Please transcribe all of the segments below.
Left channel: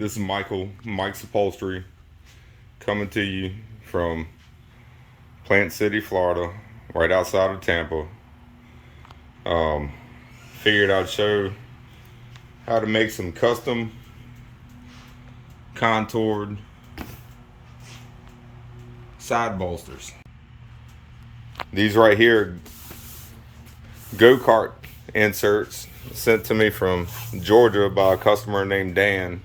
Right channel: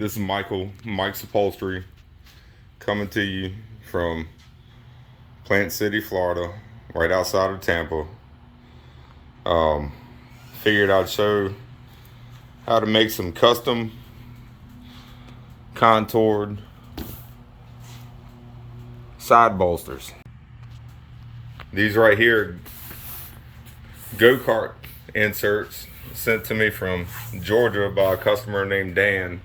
This is Mike's Upholstery, coming to you from Plant City, Florida, right outside of Tampa. Figured I'd show how to make some custom contoured side bolsters. These right here, go-kart inserts sent to me from Georgia by a customer named Dan.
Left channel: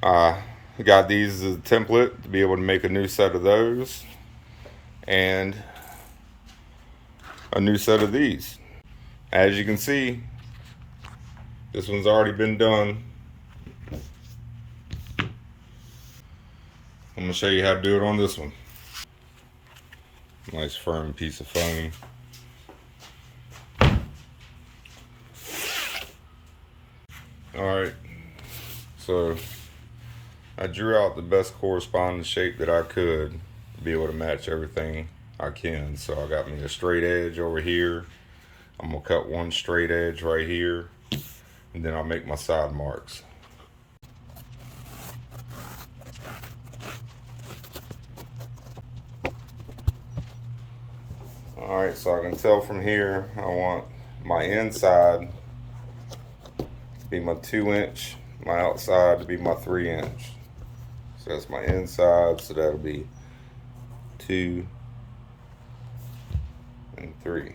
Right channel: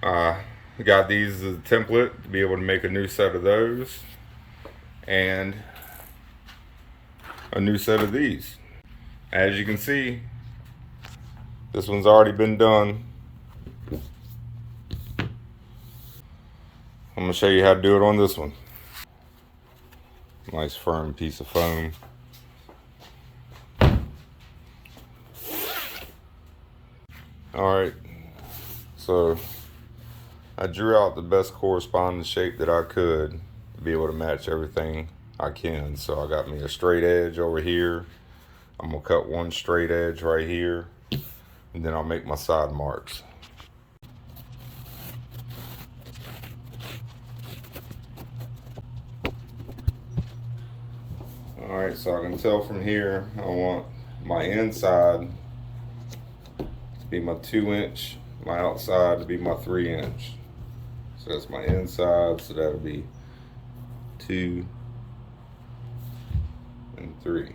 I got these as a template to be able to make a new set of those and a new set of these. As you can see, this one's already been done. I'm gonna show you how to do it on this one. Nice firm piece of foam. Alright, so I drew out the best corresponding shape that I could to be able to match everything I can. So I got me a straight edge over here. I'm gonna cut one straight edge right here, and then I'll make my side marks. Alright, so I can tell from here I want my inside to be my 2-inch, my outside to be my 3-inch. So that's my inside, so that'll be 2 and 3.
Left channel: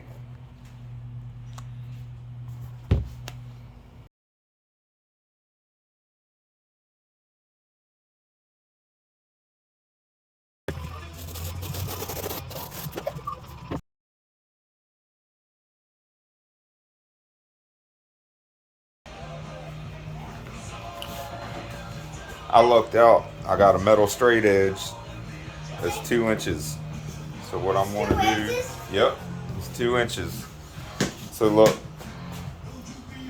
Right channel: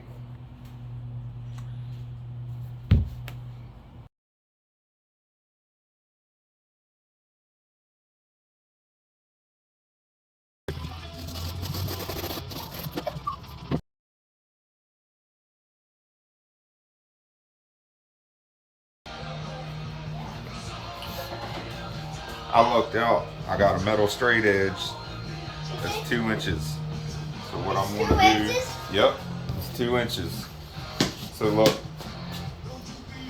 I looked out, I got a metal straight edge. It's 2 inches. So what I'm gonna do, yep, it's 2 inches. So look,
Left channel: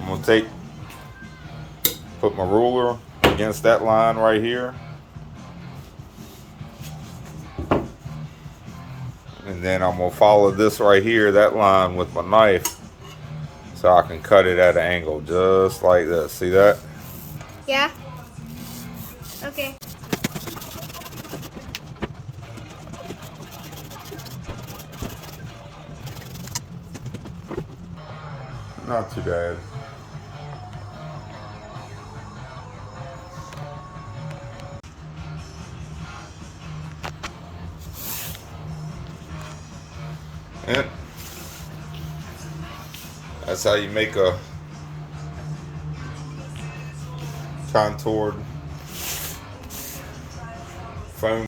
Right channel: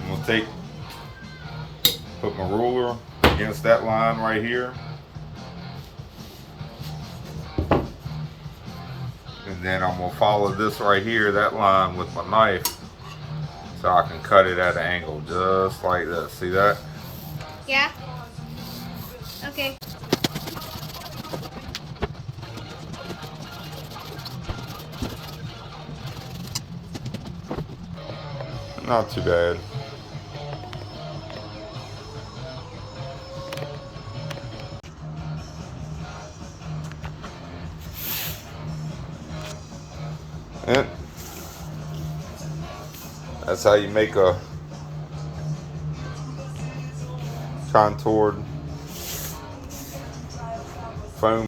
I'm gonna put my ruler against that line right here. And then I'm gonna follow this right here, that line with my knife, so I can cut it at an angle just like this. See that? Yeah. Okay. Not too bad. And that's how you make a contoured foam